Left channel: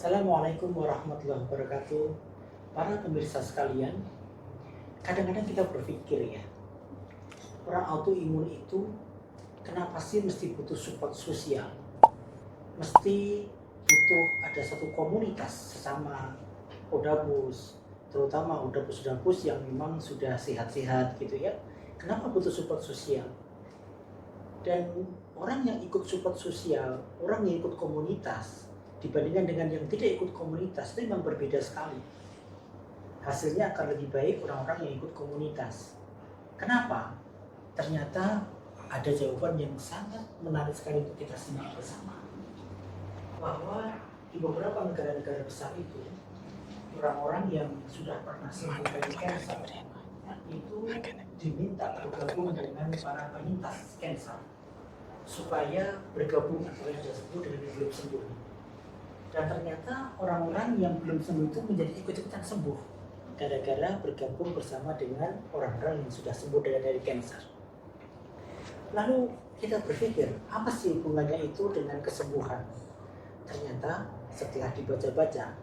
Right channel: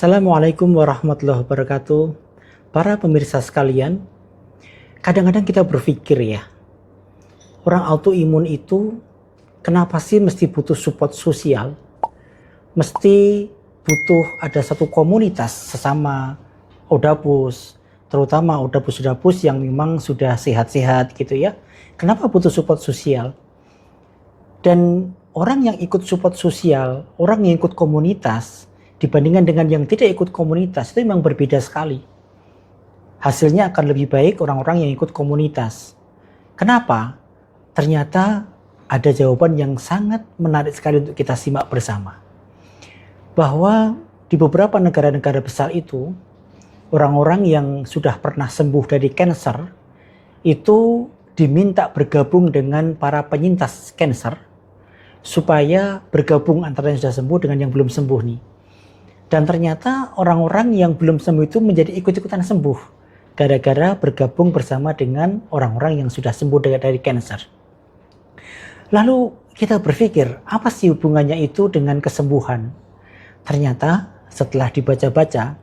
Assalamualaikum warahmatullahi wabarakatuh. Para pemirsa sekalian, kadang-kadang kita berpikir ya, orang autoimun itu kenapa sih mesti butuh support sosial? Mesti butuh ada satu komunitas sesama Odapus, terutama Odapus-Odapus yang memang sudah sehat-sehat gitu ya. Kenapa butuh support sosial? Dan orang yang ikut support sosial, orang yang ikut komunitas, dibandingkan dengan yang tidak ikut komunitas, itu memang berbeda sekali. Hasilnya akan lebih baik orang-orang yang ikut komunitas. Kenapa? Ternyata ada jawaban yang sangat menarik sekali untuk kita simak bersama. Bahwa di beberapa negara-negara besar itu, orang-orang yang sudah pernah sembuh dari kanker, itu diminta bergabung dengan para penyintas kanker, supaya bergabung antara yang sudah sembuh dengan yang belum sembuh nih. Dan ternyata orang-orang yang belum sembuh itu menjadi ikut-ikutan sembuh gara-gara bergabung bersama dengan orang-orang yang sudah sembuh dari kanker. Lalu kita berpikir, apa sih hubungannya itu dengan kesembuhan? Ternyata setelah dibaca-baca,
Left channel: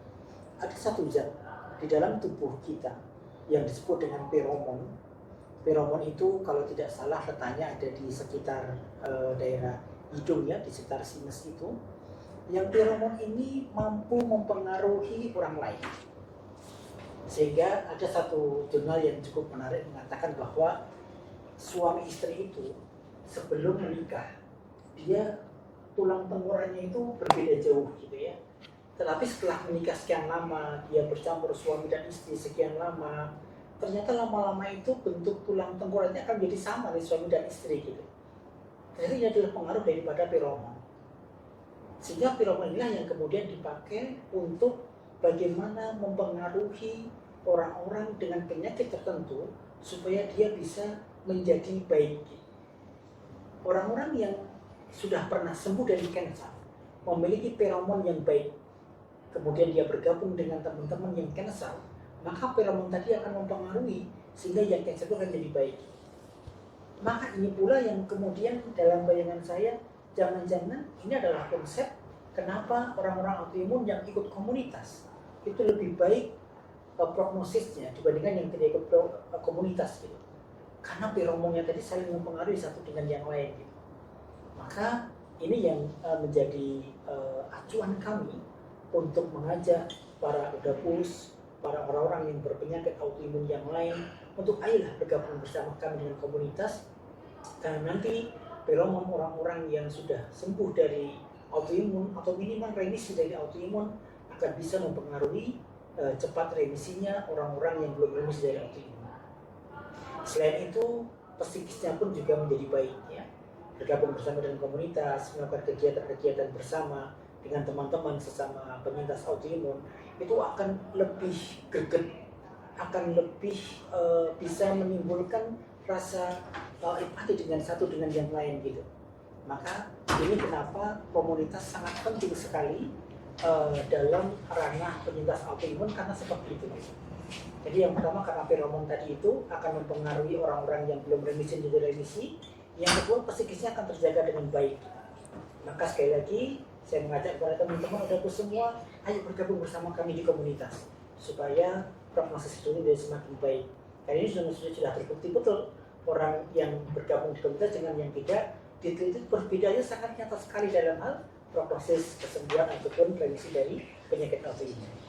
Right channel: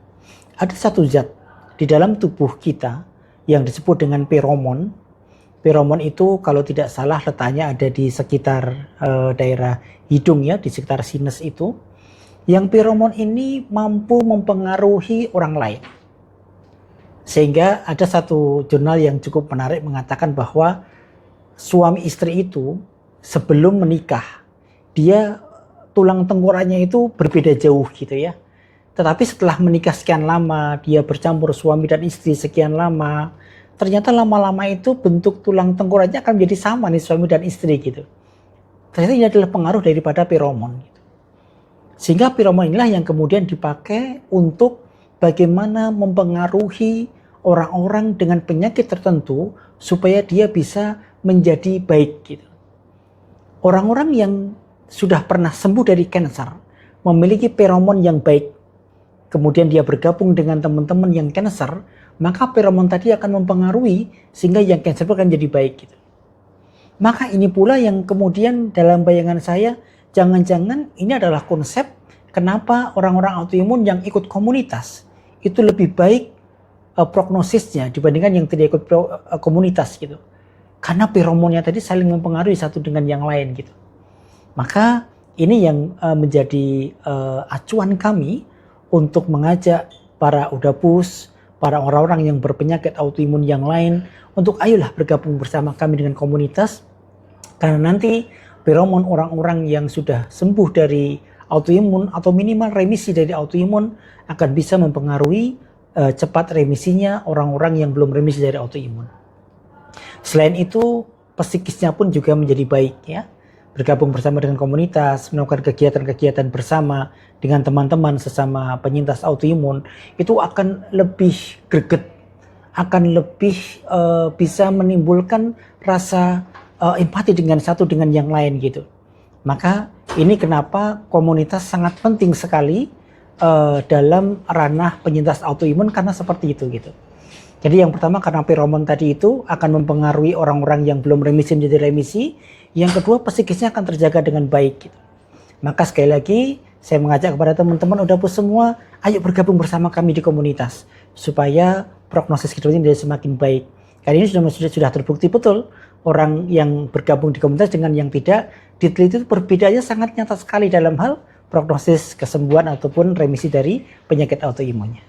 ada satu zat di dalam tubuh kita yang disebut dengan feromon. Feromon itu kalau tidak salah letaknya ada di sekitar daerah hidung ya, di sekitar sinus itu. Yang feromon ini mampu mempengaruhi orang lain. Sehingga ada satu jurnal yang cukup menarik mengatakan bahwa suami istri itu sebelum menikah, dia tulang tengkoraknya itu berbeda jauh gitu ya. Tetapi setelah menikah sekian lama, dia bercampur suami dan istri sekian lama, ternyata lama-lama itu bentuk tulang tengkoraknya akan menjadi sama nih suami dan istri gitu. Ternyata ini adalah pengaruh daripada feromon. Sehingga feromon inilah yang kemudian dipakai untuk bagaimana mempengaruhi orang-orang dengan penyakit tertentu supaya dia bisa menjadi baik gitu. Orang-orang yang sudah pernah sembuh dari kanker memiliki feromon yang baik. Kemudian dia bergabung dengan teman-teman yang kanker, maka feromon tadi akan mempengaruhi sehingga yang kanker akan jadi baik gitu. Maka ini pula yang kemudian dalam bayangan saya, jangan-jangan ini adalah konsep kenapa orang-orang autoimun yang ikut komunitas itu lebih baik prognosisnya dibandingkan yang tidak ikut komunitas gitu. Karena feromonnya tadi saling mempengaruhi satu dengan yang lain gitu. Maka ini yang menjadi acuan kami untuk mengajak para Odapus, para orang-orang yang berpenyakit autoimun yang lain untuk ayolah bergabung bersama kami dengan komunitas. Karena nanti feromon orang-orang yang sudah sembuh dari autoimun atau minimal remisi dari autoimun akan bisa mempengaruhi cepat remisinya orang-orang yang belum remisi dari autoimun. Selain itu, psikisnya pun juga menjadi baik ya. Bergabung bersama dengan komunitas, melakukan kegiatan-kegiatan bersama dengan teman-teman sesama penyintas autoimun itu akan lebih greget, akan lebih bisa menimbulkan rasa empati dengan satu dengan yang lain gitu. Maka ini kenapa komunitas sangat penting sekali dalam ranah penyintas autoimun karena seperti itu gitu. Jadi yang pertama karena feromon tadi itu akan mempengaruhi orang-orang yang belum remisi menjadi remisi. Yang kedua psikisnya akan terjaga dengan baik gitu. Maka sekali lagi saya mengajak kepada teman-teman Odapus semua, ayo bergabung bersama kami di komunitas supaya prognosis kita ini menjadi semakin baik. Kali ini sudah terbukti betul orang yang bergabung di komunitas dengan yang tidak diteliti itu perbedaannya sangat nyata sekali dalam hal prognosis kesembuhan ataupun remisi dari penyakit autoimunnya.